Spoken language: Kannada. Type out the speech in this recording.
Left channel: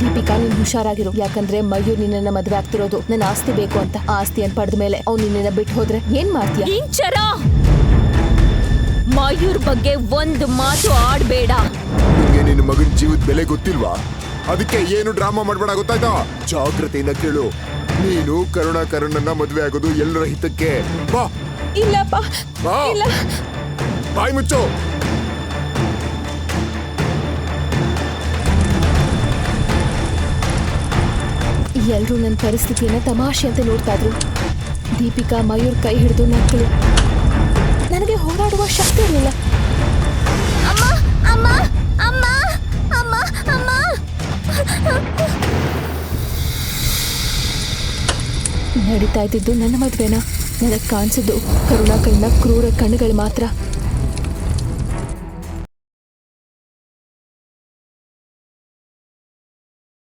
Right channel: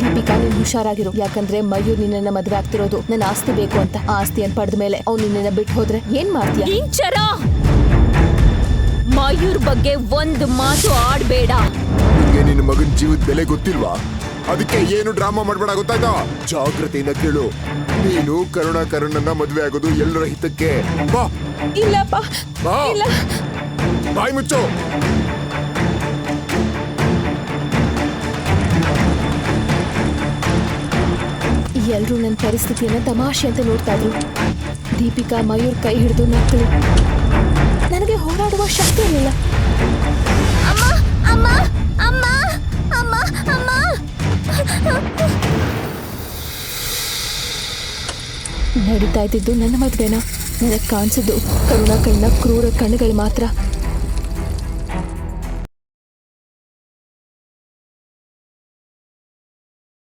ದೀಪಿಕಾ ನೀನ್ ಹುಷಾರಾಗಿರು, ಯಾಕಂದ್ರೆ ಮಯೂರ್ ನಿನ್ನ ಮದ್ವೆ ಆಗ್ತಿರೋದು ನನ್ನ ಆಸ್ತಿ ಬೇಕು ಅಂತ. ಆಸ್ತಿ ಅನ್ ಪಡೆದ ಮೇಲೆ ಅವ್ನು ನಿನ್ನ ಬಿಟ್ಟು ಹೋದ್ರೆ ಏನ್ ಮಾಡ್ತೀಯ? ಇಂಚರ ಮಯೂರ್ ಬಗ್ಗೆ ಒಂದು ಮಾತು ಆಡ್ಬೇಡ. ನಿಂಗೆ ನಿನ್ನ ಮಗನ್ ಜೀವದ ಬೆಲೆ ಗೊತ್ತಿಲ್ವಾ? ಅದಕ್ಕೆ ಏನು ಡ್ರಾಮಾ ಮಾಡ್ಬೇಡ, ಗೊತ್ತಾಯ್ತಾ? ಜಾಗ್ರತೆಯಿಂದ ಕೇಳು. ನೀನು ಕರುಣಾಕರಣ್ಣನ ಮದ್ವೆ ಆಗೋದು ಎಲ್ಲರ ಹಿತಕ್ಕೆ. ಬಾ. ಇಲ್ಲಪ್ಪ, ಬಾ. ಇಲ್ಲ. ಬಾಯ್ ಮುಚ್ಚು. ಎಲ್ರೂ ನನ್ನ ಪರಿಸ್ಥಿತಿಯನ್ನ ತಮಾಷೆ ಅಂತ ನೋಡ್ತಾ ಇದ್ರು. ದೀಪಿಕಾ ಮಯೂರ್ ಕೈ ಹಿಡಿದು ನಕ್ಕಳು. ನನಗೆ ಹೋರಾಡುವ ಶಕ್ತಿ ಇರಲಿಲ್ಲ. ಅಮ್ಮ ಅಮ್ಮ ಅಮ್ಮ ಅಮ್ಮ ಅಮ್ಮ. ನಡೀತಾ ಇದ್ದಿದ್ದು ನನ್ನ ಮದ್ವೆನ. ನನಗೆ ಕಾಣಿಸಿದ್ದು ಕರುಣಾಕರಣ ಕ್ರೂರ ಕಣ್ಣುಗಳು ಮಾತ್ರ.